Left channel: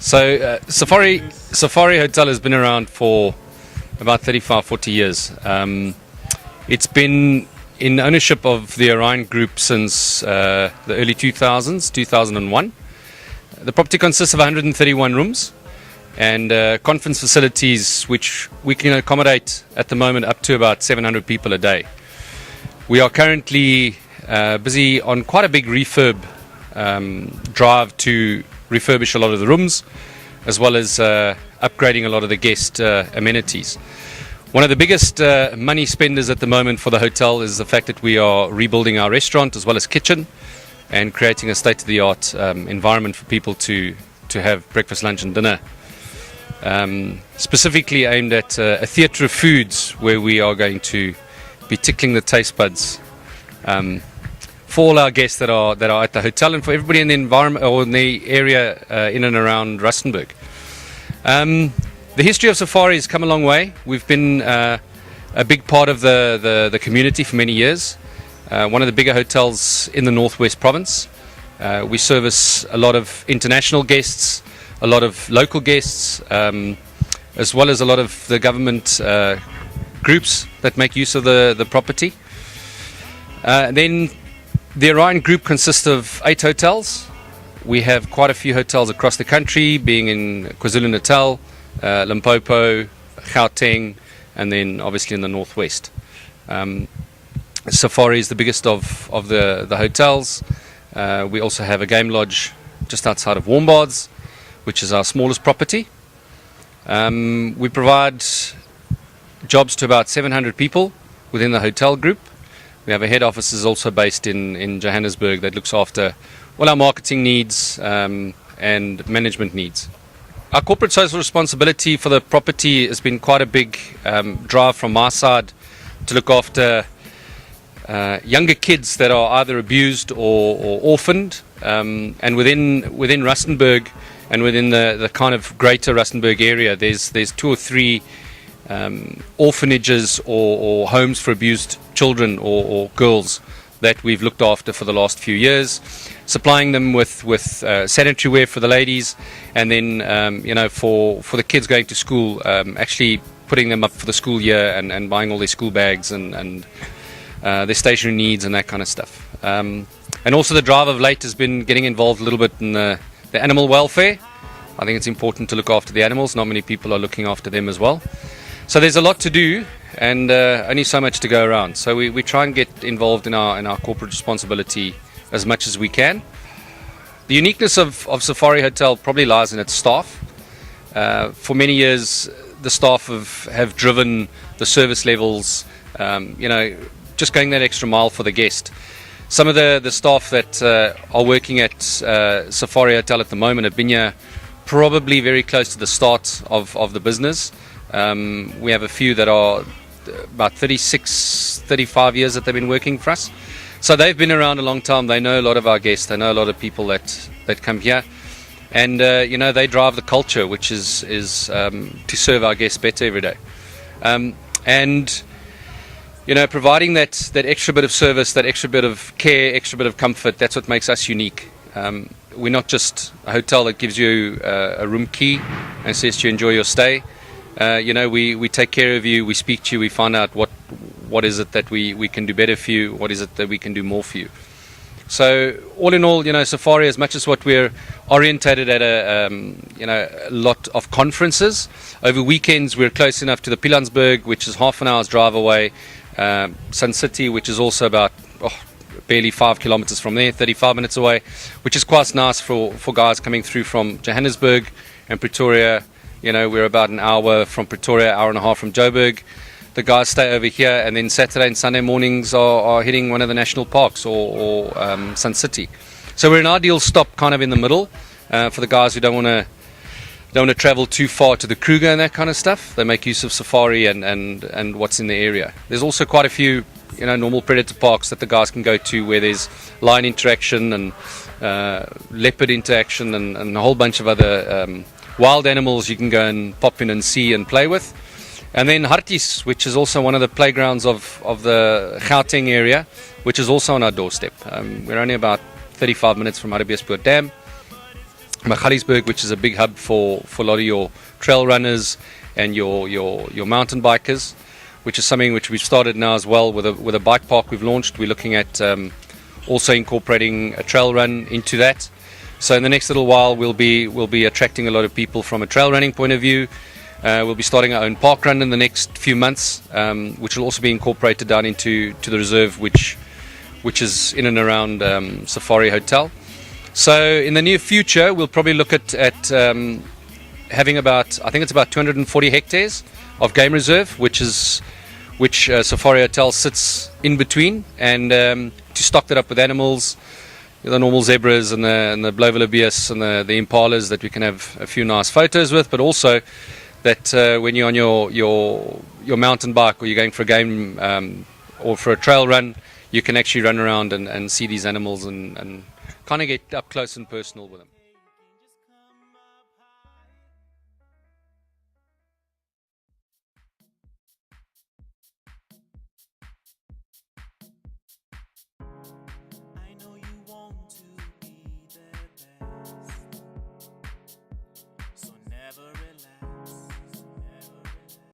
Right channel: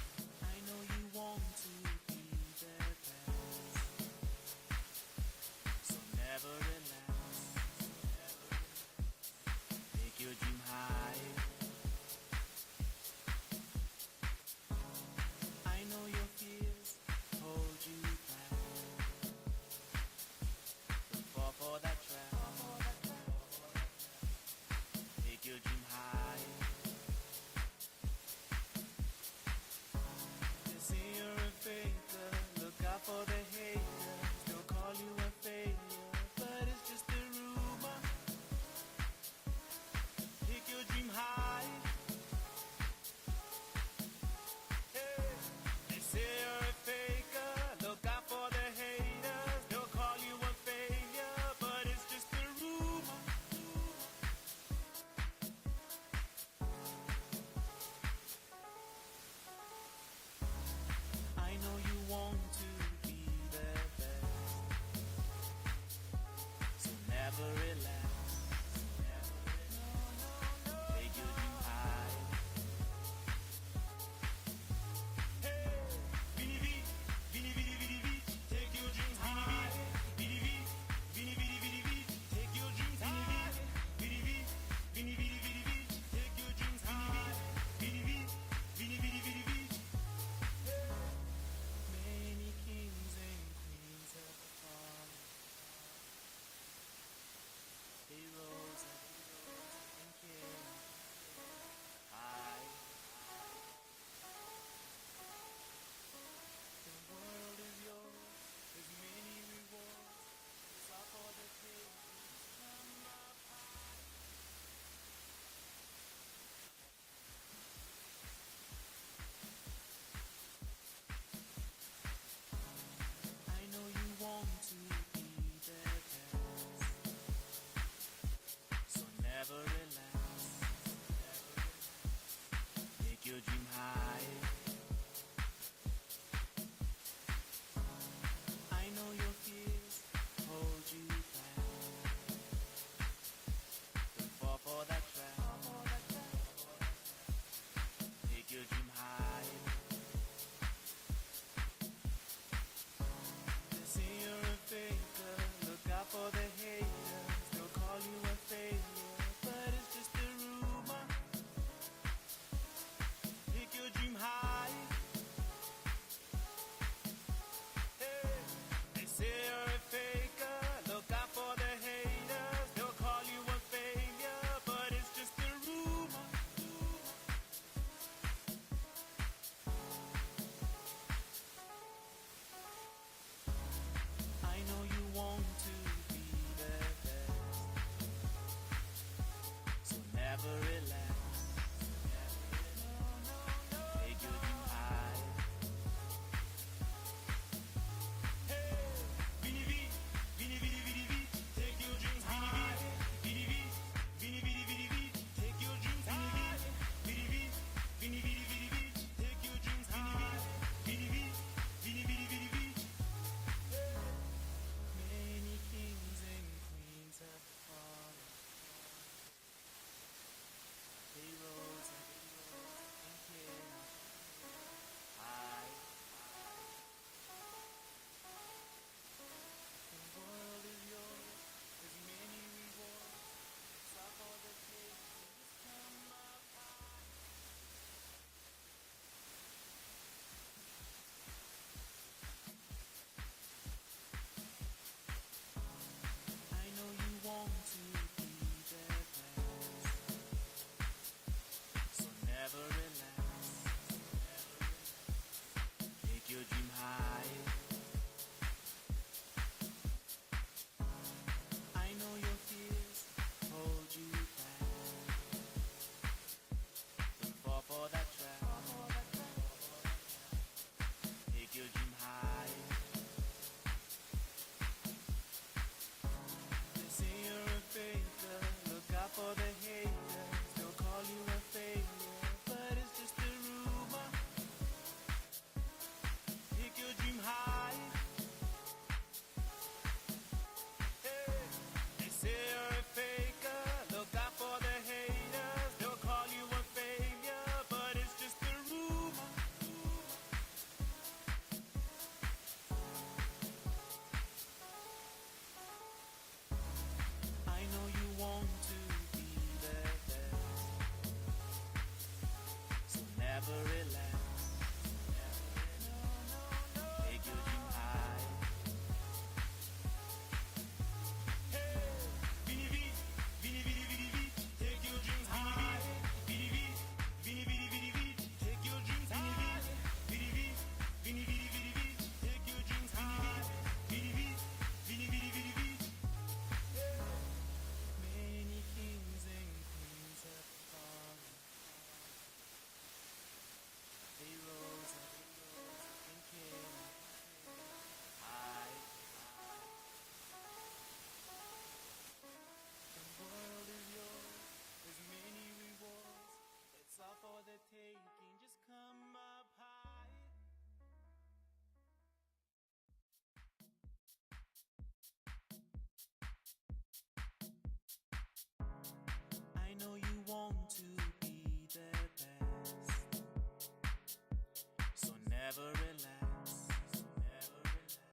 So Safari Hotel has been around for about 35, 40 years. It's been in ownership of the Orion Group since the early 2000s, 2001. The property consists of 131 rooms and conference facilities which we can accommodate at the moment up to about 700 people a day. We are currently busy on quite a big refurb drive to refurbish a lot of the rooms, as well as upgrading a lot of the guest amenities. One of the biggest money spenders at the moment for the hotel is the fact that we are rebuilding our restaurant as well as kitchen and creating a state-of-the-art environment for people to have breakfast, lunch and dinner. Specifically aimed at a theatre of foods where we are going to be tickling the taste buds for all our guests that are at the hotel and for everybody in the environment or in the area in and around Rustenburg. The history of Safari has come a long way. We've been a big part of the community for many years. One of the bigger hotels in the Northwest Province. We service a lot of international guests, a lot of local guests, as well as a lot of the government groups that make use of the property. Then the Orion Group consists of 8 hotels. We have quite a few hotels across the country, being in KwaZulu-Natal, Limpopo, Gauteng, and then obviously in the Northwest. Safari is the biggest of the hotels. We also have a game lodge just outside of Warmbaths, which is our smallest property. We provide jobs to about 700 people within the hotel group. We have a head office is also based in Johannesburg that looks after all our marketing needs and management needs. Our corporate social responsibility for the property has been quite a big drive from my side to look after younger kids that are either abused or orphaned, and within Rustenburg and within the kind of greater Rustenburg area, there's 2 or 3 orphanages or homes for abused children or girls that we've looked after for the last few years, supplying them with sanitary wear for the ladies, and then for the kids going to school, actually putting them up for the school year and buying all their school bags and their stationery needs and that kind of stuff. And also the drive of late has been getting involved a little bit in the animal welfare. I think it's important to look after the animals. Not many people are looking after them as well. So there's a lot to do and only so much to go around. So we try and get involved in our corporate responsibility as much as we can. The uniqueness of Safari Hotel probably lies in its staff. For many years, the staff have driven the service levels, just going that extra mile for the guest. Some of the staff that are working at Safari Hotel at the moment have been here probably very close to the start of the business. We have a few that are about 36, 35 years that they've been working for us. So they've been around a long time. They know a lot of our guests. They know a lot of people that come here. And, they drive the culture, which is to serve our guests better every day. Providing that extra bit of service, that extra bit of care, extra bit of comfort, that's what makes us unique. We're not just a hotel that gives you a room key and says to you enjoy your stay. We take care of you, we speak to you, we find out what is it that we can do better for you, what is it that we can do more for you. So all in all, Safari, as much as what we're orientated at a lot of conferences, over weekends we're close enough to the Pilansberg, which is half an hour's drive away, Sun City, which is also about barely 5 kilometers from there, 35 minutes away, which is quite nice for guys coming through from Johannesburg and Pretoria. We're about an hour from Pretoria, hour and a half from Joburg. The guys stay over here, and then Saturday and Sunday mornings are hitting one of the national parks or Sun City. So we're an ideal stop kind of in the middle for the guys who don't want to travel too far to the Kruger and that kind of stuff. They make use of Safari and what's in the area. There's also quite a few normal predator parks that the guys can go to where there's lion interaction and leopard interaction and a whole bunch of other wild animals you can go and pop in and see and play with. And then Harties, which is also one of the playgrounds of the Gauteng area, which is also on our doorstep. We're only about 35 minutes from Hartbeespoort Dam. Magaliesberg, which is a big hub for a lot of your trail runners and your mountain bikers, which is something which we've started now as well with a bike park we've launched. We're looking at also incorporating a trail run into that. So in the next little while, we'll be attracting a lot of people from a trail running point of view. We'll be starting our own park run in the next few months, which will also be incorporated down into the reserve, which is in and around Safari Hotel. So in the near future, we'll probably look at having about, I think it's about 240 hectares of game reserve, which Safari Hotel sits in between, and to stock that up with animals, the normal zebras and the Blovelbius and the impalas that we can have a few nice photos with, but also that when you're on your mountain bike or you're going for a game or for a trail run, you can actually run around and see these animals and kind of get up close and personal with them.